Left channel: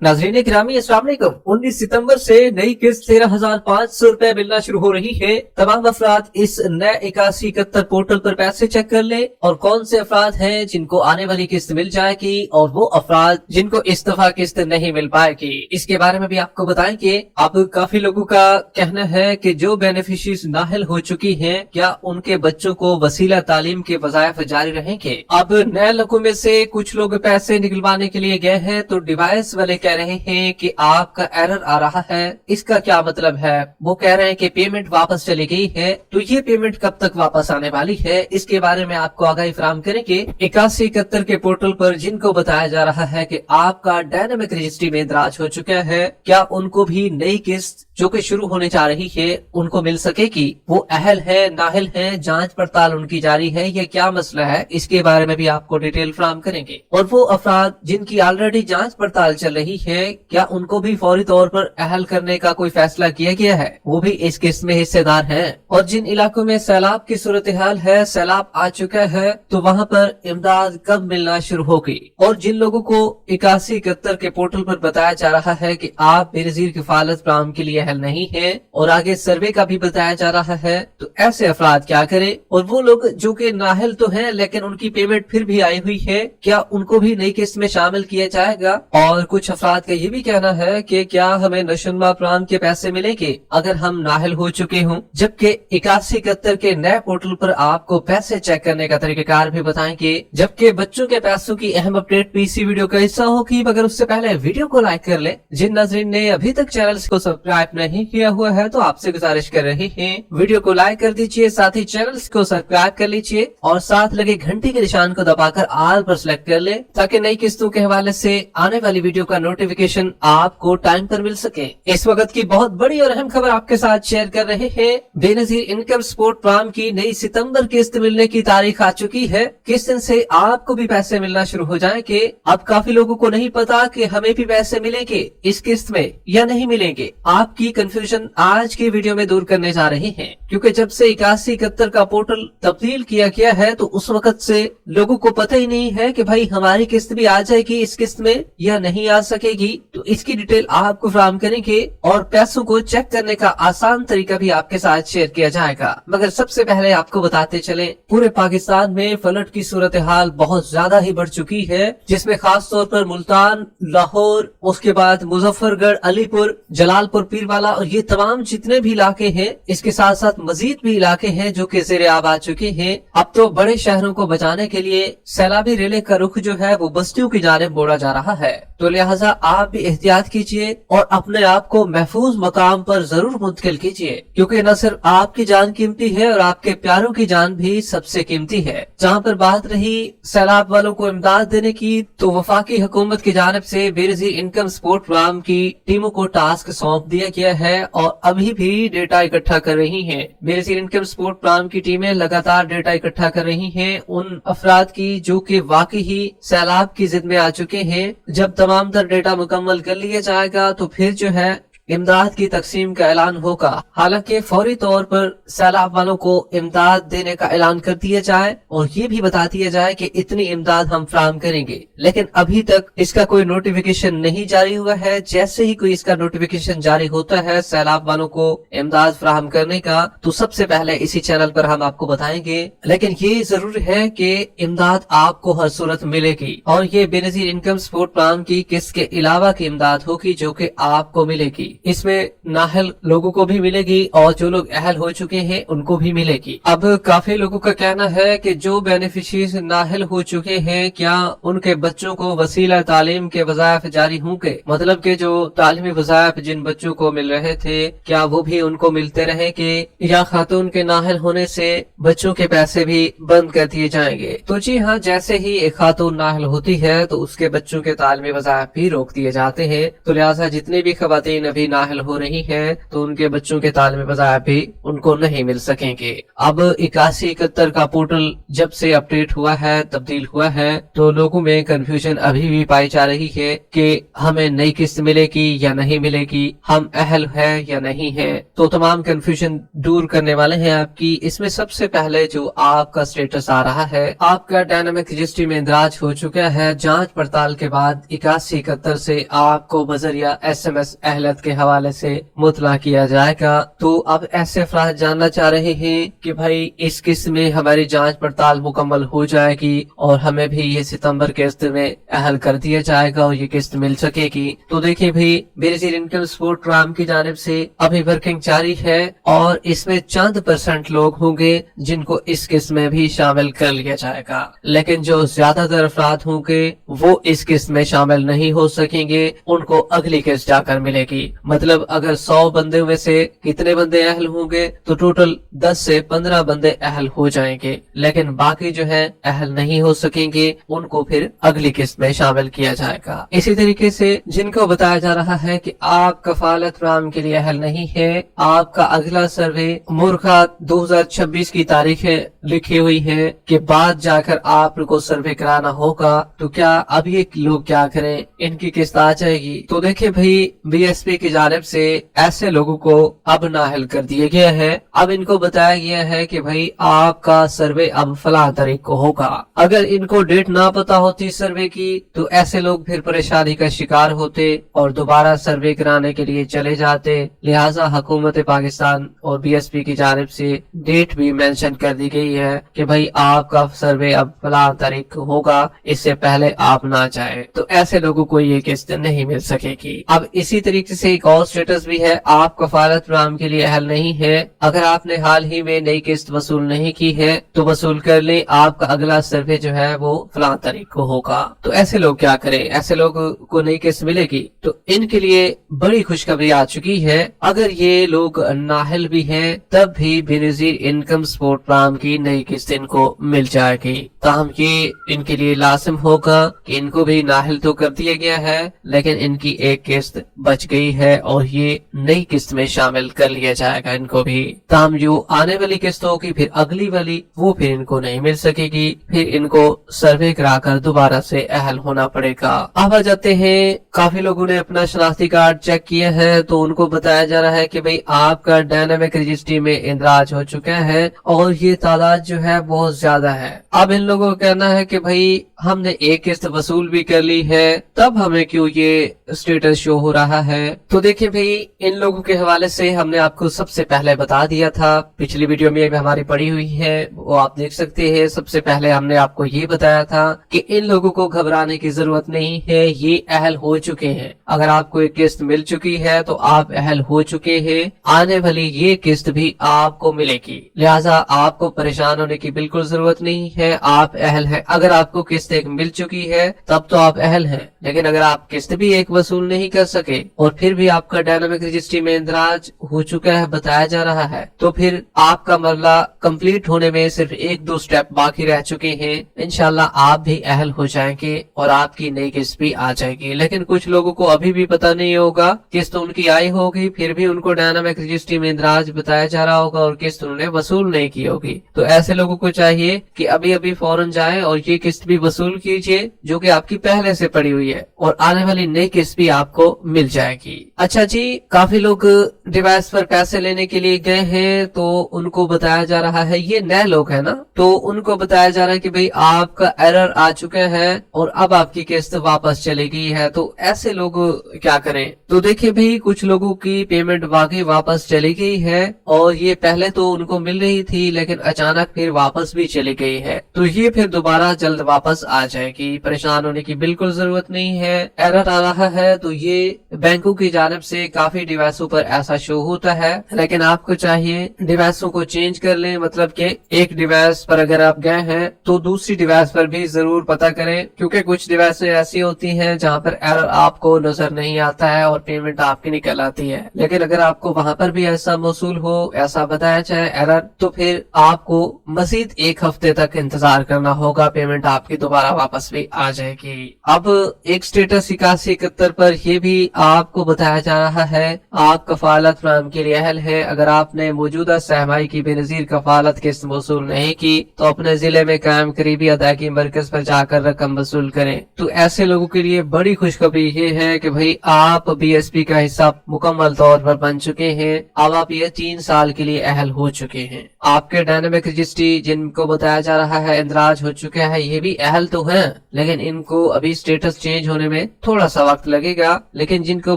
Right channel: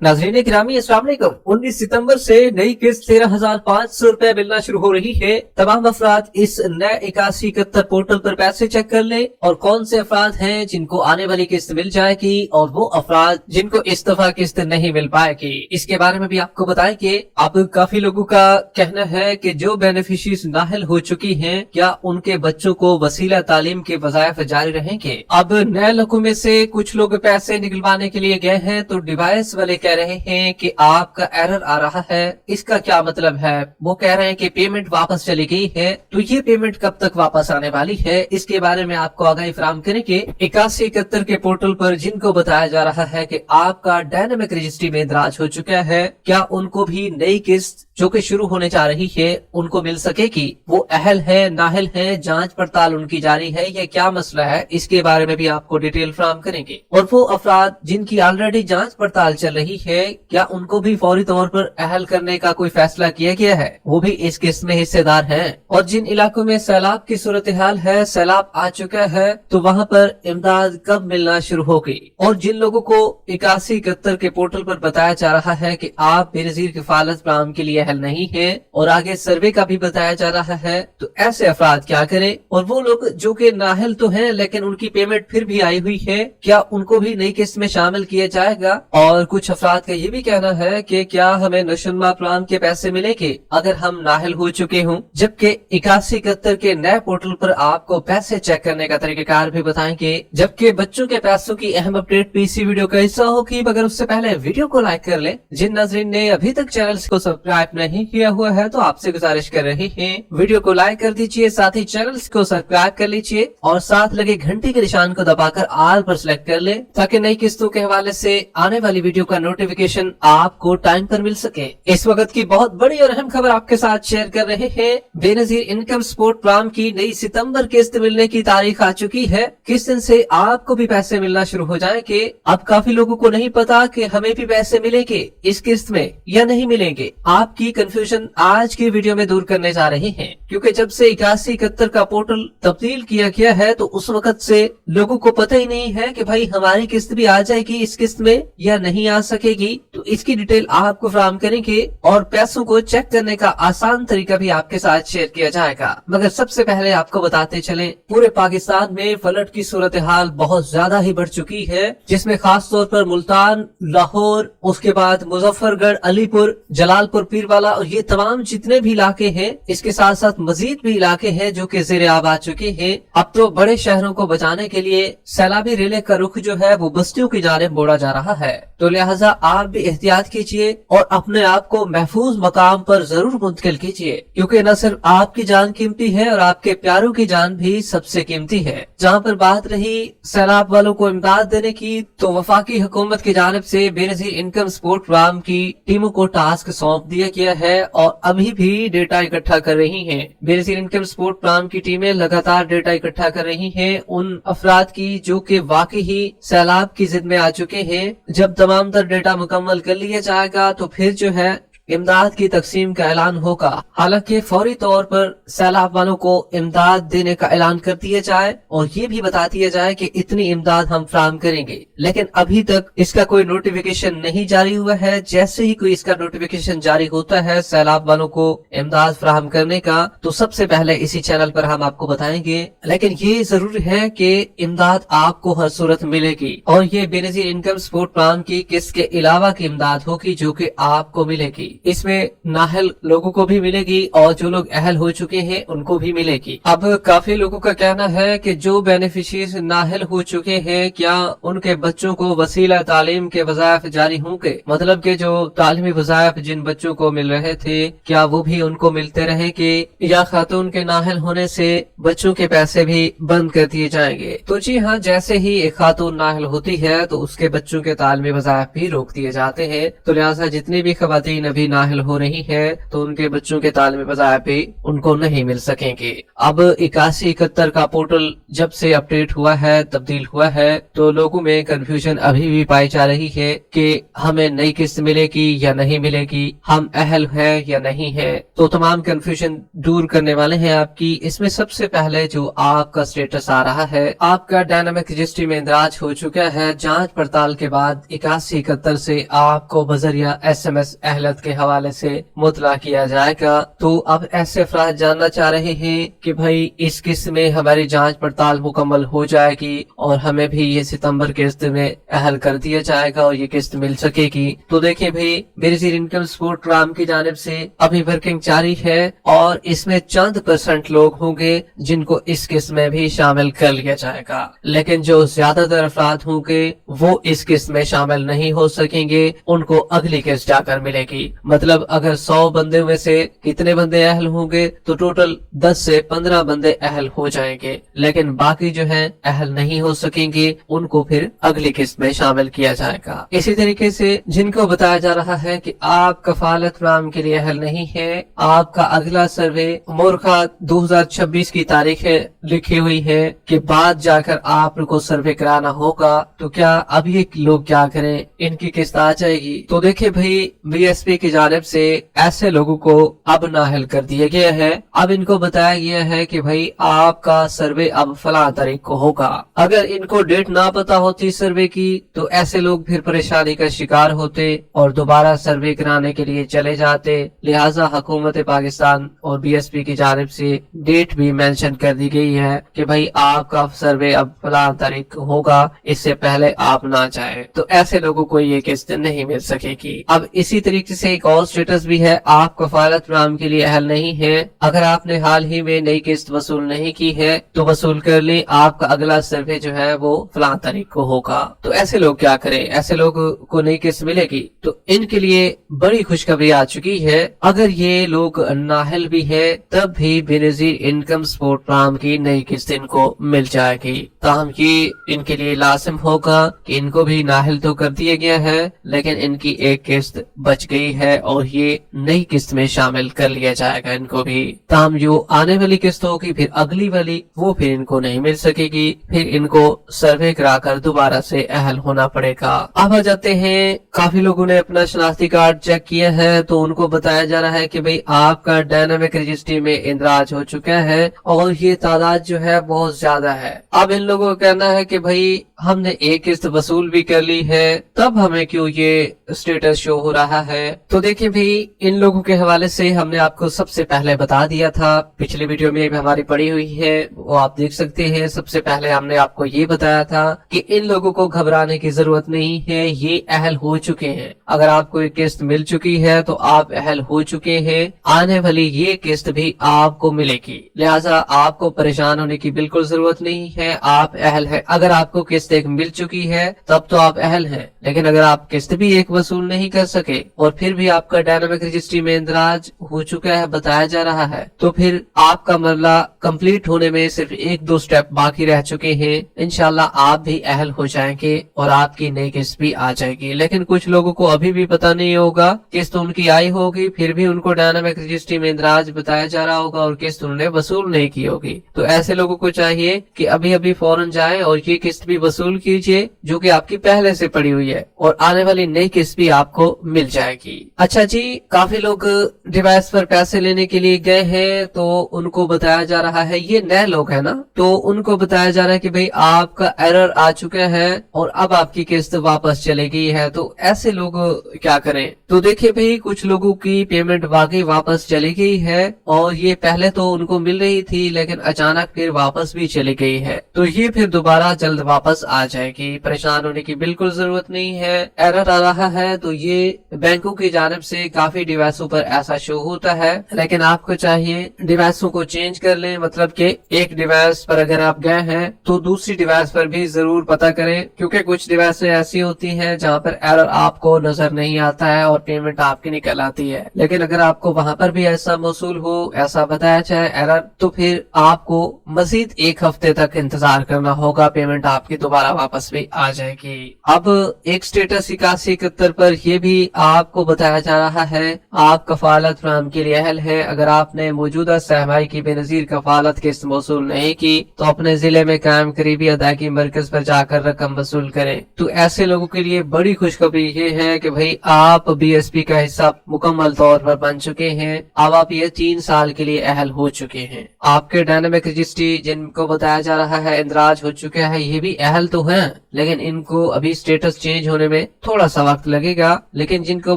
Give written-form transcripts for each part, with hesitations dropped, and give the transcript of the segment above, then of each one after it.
नाज़रीन गिरामी अस्सलाम वालेकुम। 19 सितंबर से नई किस्त 13,500 रुपए मिलना शुरू हो रही है। तमाम अफराद इस नए 8171 पोर्टल पर पैसे चेक कर ले और कौन से अफराद हैं जिनको आने वाली किस्त मिल जाएगी और वो अफराद जिनको इस दफा किस्त नहीं मिल पाएगी, इसके बारे में भी आपको बताएंगे। अब काफी लोगों का कहना है कि जो बेनिफिशरीज नाहल हो चुकी हैं, क्या उनके बच्चों को वसीला तालीम के वज़ाइफ जारी रहेंगे। अब नए लोगों में से कुछ लोग पैसे निकलवाने के लिए गए हैं तो डिवाइस वाले कह रहे हैं कि आपका एरर आ रहा है। इसका क्या मतलब है? वो कह रहे हैं कि पेमेंट वापस चली गई है। तो ये पेमेंट कब तक वापस आने वाली है, इसके बारे में आपको आगाही फराहम करेंगे। 8171 के पोर्टल पर जिनको बताया जा रहा है कि आपका डायनामिक रजिस्ट्री में इंदराज हो चुका है, क्या उनको भी नई किस्त जो कि शुरू होने जा रही है उनको मिल सकेगी? वो अहल है, नाहल है, जांच पड़ताल उनकी जारी है, ये क्या मसला है, इसके बारे में भी आपको डिटेल फराहम करेंगे। और वो अफराद जिनकी ऑलरेडी जांच पड़ताल चल रही है, क्या उनको भी फौरी तौर पर अहल करने का कोई फैसला किया गया है? वो भी इस किस्त में हिस्सेदार हैं। और जिन इलाकों में सैलाब की सूरत हाल है, सैलाब आ चुका है, तो वहाँ पर इमदाद कब मिलना शुरू होगी? और जिन लोगों को 8171 के पोर्टल पर बताया जा रहा है कि आप बेनजीर किफालत फराहम के लिए अहल नहीं है और आगे सर्वे का भी बताया जा रहा है, तो ऐसे अफराद क्या करें? और वो लोग जो कि नाहल तो हैं लेकिन उनकी पेमेंट फिर भी आई हुई है, क्या उनको भी नई किस्त में शामिल किया जाएगा? और कुछ अफराद का ये भी कहना है कि क्या हमें नशोन्मा प्लान के पैसे मिलेंगे अगर हम नाहल हो चुके हों? जबकि 8171 के नए पोर्टल पर आपको पैसे चेक करने का तरीकाकार भी बताएंगे। जबकि बच्चों के पैसों की अहम अपडेट भी इसी वीडियो का हिस्सा होगी, मगर उससे पहले वीडियो को लाइक कर ले। जिन नाज़रीन ने अभी तक चैनल को सब्सक्राइब नहीं किया हुआ है तो आपसे गुजारिश कर रहे हैं वीडियो को लाइक कर दीजिए, साथ ही चैनल को सब्सक्राइब कर लीजिए और साथ लगे घंटी के निशान को दबाकर ऑल पर सिलेक्ट कर ले, ताकि नई किस्तों के हवाले से आने वाली वीडियो का नोटिफिकेशन आपको टाइम पर मिल सके। इस वक्त की बहुत बड़ी और अहम खबर आपके साथ शेयर कर रहे हैं। बेनजीर इनकम सपोर्ट प्रोग्राम की नई सितंबर किस्त मिलने की तारीख आ चुकी है। किस दिन से आपको भी पैसे मिलना शुरू हो जाएंगे। अब काफी लोगों को नहीं पता कि हमें भी पैसे मिलेंगे इस किस्त में या नहीं मिलेंगे। आपकी कंफ्यूजन आज की वीडियो में दूर करने जा रहे हैं, क्योंकि जब से 8171 का पोर्टल तब्दील किया गया है तो उस वक्त से लोगों को पता ही नहीं है कि भाई हमारी किस्त भी आ जाएगी इस किस्त में या नहीं आ सकेगी। तो इसकी डिटेल आपको फराहम करेंगे और पैसों को चेक करने का आसान तरीका भी आपके साथ शेयर किया जाएगा। मगर सबसे पहले आपको बताते चले, पूरे पाकिस्तान में फ्लड की सूरत हाल बहुत ज्यादा ही बढ़ चुकी है, जिसमें खास तौर पर मुल्तान, लाहौर, उसके बाद मुजफ्फरगढ़, अलीपुर, जलालपुर, पीरवाला और ये तमाम जितने भी इलाके हैं, इसके साथ साथ मजीद भी इलाके हैं जो कि ज़ेरे आब आ चुके हैं। अब तो बड़े शहरों को बचाने के लिए सैलाबी रेले का रुख जो है वो बस्तियों की जानिब मोड़ा जा रहा है। तो लिहाजा आप भी एहतियात कीजिए और अपने आप को महफूज मकाम पर जरूर मुंतकिल कीजिए, क्योंकि न सिर्फ आपकी जान कीमती है और आपके प्यारों की जान भी सबसे कीमती है। जहाँ पर बात रही सैलाब वालों को इमदाद देने की, तो वफाकी हुकूमत की जानिब से बेनजीर इनकम सपोर्ट प्रोग्राम की टीमों को टास्क सौंप दिया गया है और अभी भी डेटा इकट्ठा कर रही हैं। बेनजीर इनकम सपोर्ट प्रोग्राम की टीमें लगातार डेटा इकट्ठा कर रही हैं उन अफराद की जो कि वाकई ही सैलाब की जिद में आ चुके हैं। जब तमाम तर डेटा मुकम्मल कर लिया जाएगा तो फिर जो है इमदाद की तकसीम का ऐलान होगा। हालांकि फौरी तौर पर सैलाब वालों को इमदाद देने का ऐलान कर दिया जाए और ये भी बता दिया जाए कि इतनी इमदाद हम फराहम करेंगे, लेकिन अभी तक इसका कोई नोटिफिकेशन नहीं जारी हुआ है। जैसे ही कोई इसका नोटिफिकेशन जारी होता है सैलाब वालों को इमदाद फराहम करने का, तो सबसे पहले इसी चैनल पर हम आपको बताएंगे। लेकिन ये जरूर है कि इमदाद आपको हर सूरत मिलेगी और ये बेनजीर इनकम सपोर्ट प्लान की किस्त के अलावा की इमदाद होगी जो कि आपको मिलेगी। इसमें नाहल लोगों को भी मिलेगी और जो लोग अहल हो चुके हैं उनको भी मिलेगी। अब काफी लोगों का कहना है कि जो बेनिफिशरीज नाहल हो चुके हैं, क्या उनके बच्चों को वसीला तालीम के वज़ाइफ जारी होंगे? मतलब कि जो तालीमी वज़ाइफ जिन बच्चों को मिल रहे थे, क्या वो भी उनको मिलते रहेंगे या खातून के नाहल होने से बच्चों के पैसे भी बंद कर दिए जाएंगे? तो जी हाँ, जैसे ही एक खातून नाहल होती है तो उसके बच्चों के तालीमी वज़ाइफ भी रोक दिए जाते हैं। तो लिहाजा जितनी भी खवातीन अभी भी नाहल हो रही है तो उनके बच्चों के तालिम वज़ाइफ भी उनको नहीं मिल सकेंगे। अब 8171 का पोर्टल जब से अपडेट हुआ है, तब्दील हुआ है, तो लोगों में कंफ्यूजन अभी भी पाई जा रही है कि हमें नई किस्त मिलेगी या नहीं मिलेगी, हम अहल है या नहीं है। तो तमाम कंफ्यूजन दूर करने वाले हैं आपकी। इसमें सबसे पहले जो आपका स्टेटस आ रहा है, आपका डायनामिक रजिस्ट्री में इंदराज हो चुका है। जांच पड़ताल के बाद 8171 से आपको बजरिया SMS अहलत के हवाले से मुतला किया जाएगा। तो अब ऐसे अफराद जानना चाह रहे हैं कि भाई इस किस्त में हमारी जांच पड़ताल मुकम्मल हो जाएगी और हमें भी ये सितंबर किस्त में अहल कर दिया जाएगा और ये किस्त मिल सकेगी। तो देखिए भाई, बेनजीर इनकम सपोर्ट प्रोग्राम की जानिब से अभी वर्किंग जारी है और इसमें चंद % लोग होंगे जिनको इस किस्त में भी शामिल कर लिया जाएगा, लेकिन जो ज्यादातर अफराद होंगे वो इस किस्त में शामिल नहीं हो सकेंगे, उनको अगली किस्त जाकर मिलेगी। मतलब अगर 100 बंदे में से कितने बंदे अहल होंगे तो टोटल 10 से 15 बंदे अहल हो जाएंगे, लेकिन बाकी जो है अहल नहीं हो सकेंगे, उनको फिर अगली किस्त में शामिल किया जाएगा। इसी तरीके से जिनको बताया जा रहा है कि आप कफालत प्रोग्राम के लिए अहल नहीं है, आपका अगला सर्वे मोरखा 2026 की तारीख लिखी हुई है कि बाद जाकर आपको सर्वे कराना होगा, तो क्या अब ये लोग क्या करें, इनकी किस्त आ जाएगी? तो देखें भाई, BSP की जानिब से ऐसे लोगों को अब नाअहल कर दिया गया है। अब इनको बताया गया है कि भाई आपका सर्वे अब फलां तारीख को होगा। अगर इनको डेट ना पता होती सर्वे की तो ऐसे लोग फिर परेशानी का शिकार होते और दोबारा सर्वे कराने के लिए चले जाते। लिहाजा हुकूमत पाकिस्तान और BSP की जानिब से डेट भी मेंशन कर दी गई है कि भाई आपका सर्वे अब फलां तारीख को होगा, इससे पहले आप ना जाएं। तो ऐसे लोगों को ये किस्त नहीं मिल सकेगी। अब इसी तरीके से एक और स्टेटस भी है, आप कफालत प्रोग्राम के लिए अहल नहीं है। अगर आपने हाल ही में नई किस्त वसूल नहीं की है तो वसूल कर ले, आपका अगला सर्वे जो है वो फलां तारीख को होगा। तो ऐसे लोग क्या करें, ऐसे लोगों को नई किस्त मिलेगी? तो इनके लिए बड़ी खुशखबरी आ चुकी है। अगर ये लोग नाअहल भी है तब भी बेनजीर इनकम सपोर्ट प्रोग्राम की नई किस्त इनको मिल जाएगी। ताहम ये इनके लिए लाजिम होगा कि इनको भी नाअहल तो कर दिया गया है, लेकिन इनकी एक किस्त बच गई है और ये नई किस्त में शामिल कर लिया जाएगा इनको भी। ताहम जो आने वाली किस्त होगी फिर अगली वाली, वो फिर इनको नहीं मिल सकेगी, फिर इनको सर्वे कराकर दोबारा से अहल होना पड़ेगा। अब आ जाते हैं, काफी लोगों ने अपना शनाख्ती कार्ड चेक किया है तो उनको बताया जा रहा है कि भाई आपका डायनामिक रजिस्ट्री में इंदराज हो चुका है और ये तादाद जो है बहुत ज्यादा है। अब इन लोगों का कहना है कि भाई हमने एक किस्त वसूल भी कर ली है, तब हमें क्यों ये स्टेटस शो हो रहा है? तो देखिए भाई, इन लोगों के हवाले से हमने आपको सबसे पहले बता दिया था, पिछली वीडियो में भी हमारी पड़ी हुई है, वो आप देख सकते हैं। सबसे पहले हमने आपको ये बताया था कि इन लोगों को घबराने की जरूरत नहीं है, ये अहल हो चुके हैं। अगर आपको एक किस्त मिल चुकी है तो आप अहल हो चुके हैं, आने वाली ये किस्त भी आपको मिलेगी। लिहाजा आपको परेशान होने की बिल्कुल जरूरत नहीं है, आप अहल है। अगर आपको किस्त एक मिल चुकी है तब तो आप अहल हैं, लेकिन अगर आप किस्त भी एक वसूल नहीं कर सके और फिर भी आपका डायनामिक रजिस्ट्री में इंदराज हो चुका है बताया जा रहा है, तो फिर आपका मरला कंप्लीट होने में सिर्फ 1-2 स्टेप बाकी रह चुके हैं। इंशाल्लाह आप भी अहल हो जाएंगे और आपकी नई किस्त भी आ जाएगी। लेकिन कुछ लोगों को अभी भी पता नहीं होगा, किस्त उनकी आई होगी फिर भी उनको डायनामिक रजिस्ट्री में इंदराज बताया जा रहा होगा और किस्त उन्होंने वसूल नहीं की होगी। तो ऐसे लोगों को चाहिए कि अभी अभी फौरन जाएं और ये किस्त भी वसूल कीजिए जो कि आपकी पहले से पड़ी हुई है, और आने वाली नई किस्त भी आपको मिल जाएगी। अच्छा जी, काफी लोग डिवाइस पर पैसे लेने के लिए गए हैं तो उनको बताया जा रहा है, ये नए लोग हैं ना, तो उनको बताया जा रहा है कि भाई आपका एरर आ चुका है और अब आपकी किस्त वापस चली गई है। तो ऐसे लोग क्या करें? तो देखिए भाई, कुछ लोगों की पेमेंट वाकई वापस चली गई है और ये पहले तो उनको मिल रही थी लेकिन अचानक फिर वापस भी चली गई है, तो ये फिर दोबारा जल्द वापस आ जाएगी। परेशान होने की बिल्कुल जरूरत नहीं है। एरर आ रहा है तो ये बैंकों की जानिब से काफी डिवाइसों पर ऐसा शो होता है, लेकिन आपको चाहिए डिवाइसों को चेंज कर लें। मतलब कि एक डिवाइस पर अगर आप गए हैं तो दूसरी डिवाइस पर भी जरूर पता करें, क्योंकि कुछ डिवाइसें ऐसी होती हैं जहां पर एरर आपको नजर नहीं आता है और पेमेंट आपकी निकल आती है। लेकिन अगर आपको वहां पर भी ऐसा मौसूल हो, ऐसा बताया जाए एरर, तो फिर आपको मजीद 1 हफ्ते तक इंतजार करना होगा, पेमेंट आपकी दोबारा वापस भी आ जाएगी। अब एक स्टेटस 8171 पर यह भी आपको बताया بتایا جا رہا ہے آپ کفالت فراہم کے لیے اہل ہے۔ اگر آپ نے موجودہ سرمائی کی بے نظیر کفالت قسط وصول نہیں کی تو اپنے ضلع میں قائم قریبی ادائیگی مرکز پر جا کر رقم وصول کریں۔ تو ایسے لوگوں کے لیے بڑی خوشخبری یہ ہے کہ بھائی آپ بی ایس پی کا حصہ مکمل طور پر بن چکے ہیں، اب آپ یہ 3 سال کے لیے اہل ہو چکے ہیں۔ آپ کے ڈائنامک رجسٹری جن کو بتایا جا رہا ہے اندراج ہو چکا ہے، یہ بھی اہل تو ہیں لیکن ان کو ابھی سٹیٹس چینج ہونے میں تھوڑا سا وقت لگے گا، لیکن جن کو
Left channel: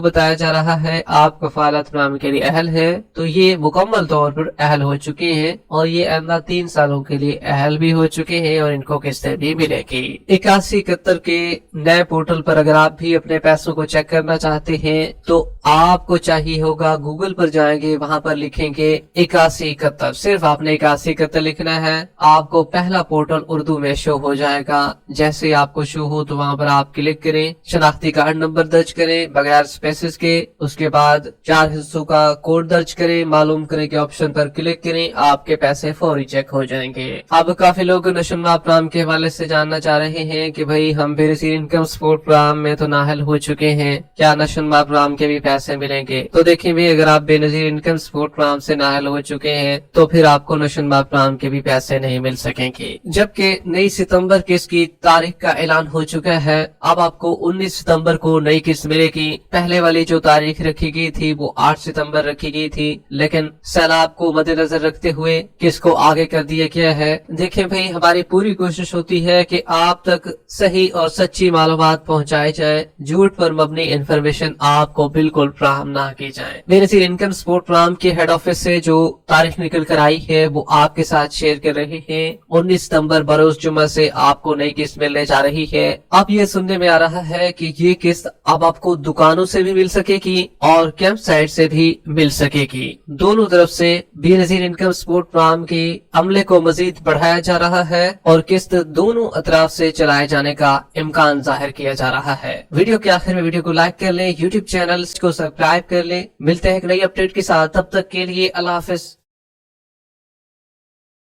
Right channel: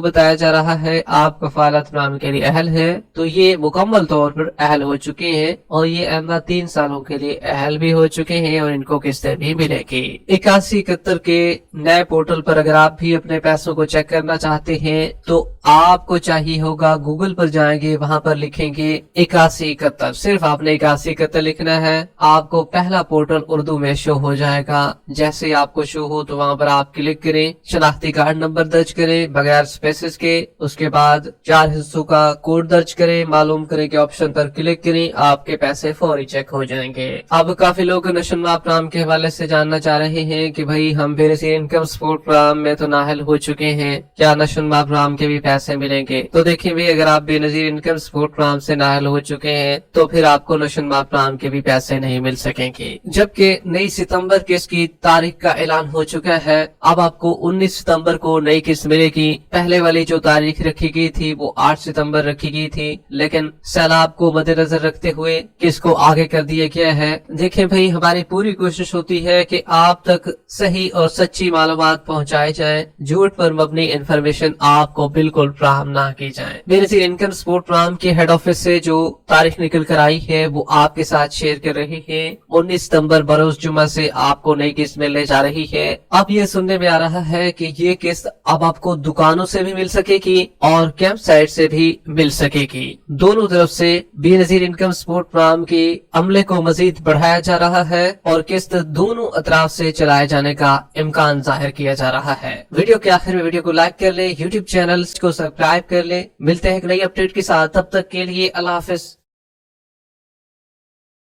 بتایا جا رہا ہے آپ کفالت فراہم کے لیے اہل ہے تو یہ مکمل طور پر اہل ہو چکے ہیں اور یہ آئندہ 3 سالوں کے لیے اہل بھی ہو چکے ہیں اور ان کو قسطیں بھی ملے گی۔ 8171 کے نئے پورٹل پر اگر آپ بھی اپنے پیسوں کو چیک کرنا چاہتے ہیں تو آپ کو چاہیے ہوگا گوگل پر جائیں گے، وہاں پر لکھیں گے 8171، صرف آپ نے 8171 لکھنا ہے، آپ کو پہلا پورٹل اردو میں شو ہو جائے گا۔ جیسے آپ کو شو ہو تو وہاں پر آپ کلک کریں، شناختی کارڈ نمبر درج کریں بغیر اسپیسز کے، اس کے بعد 4 حصوں کا کوڈ درج کریں، معلوم کریں کہ آپشن پر کلک کریں، آپ کے پیسے فوری چیک ہو جائیں گے۔ اب کافی لوگ نشن ماہ پروگرام کے حوالے سے جاننا چاہ رہے ہیں کہ بھائی ہم بے نظیر انکم سپورٹ پروگرام میں تو نااہل ہو چکے ہیں، کیا نشن ماہ پروگرام کے بھی پیسے ملیں گے؟ تو دیکھیں بھی اگر آپ بے نظیر انکم سپورٹ پروگرام سے نااہل ہو چکے ہیں تو پھر آپ کو نشن ماہ پروگرام کے بھی پیسے نہیں مل سکیں گے، جبکہ 9 ستمبر کی اس کی تاریخ کا اعلان ہو چکا ہے۔ اب آپ کو 19 ستمبر کو نئی قسط ملے گی۔ پہلے والی جو تاریخ رکھی گئی تھی وہ 8 ستمبر رکھی گئی تھی، لیکن سیلاب کو مد نظر رکھتے ہوئے قسط کو آگے کر دیا گیا ہے۔ دیکھیں بھائی ہماری پوری کوشش ہوتی ہے کہ آپ تک صحیح اور سچی معلومات پہنچائے جائیں، جھوٹ پر مبنی انفارمیشن آپ کو بالکل فراہم نہ کی جائے۔ بے نظیر انکم سپورٹ پروگرام کے ہیڈ آفس سے جو تاریخ نکل کر آئی ہے وہ آپ کے ساتھ شیئر کر رہے ہیں۔ 19 ستمبر بروز جمعہ سے آپ کو نئی قسط ملنے جا رہی ہے۔ اب یہ سننے میں آ رہا ہے کہ یہ قسط اب آپ کو دکانوں سے بھی مل سکے گی اور کیمپ سائٹ سے بھی مل سکے گی، دونوں طرف سے بے نظیر انکم سپورٹ پروگرام کے عملے کو مزید بڑھایا جا رہا ہے اور قسط دونوں اطراف سے چلائے جانے کا امکان ظاہر کیا جا رہا ہے۔ ویڈیو کے آخر میں ویڈیو کو لائک کر لیں، یوٹیوب چینل کو سبسکرائب کر لیں۔ ملتے ہیں ایک نئی اپڈیٹ کے ساتھ، تب تک کے لیے اللہ حافظ۔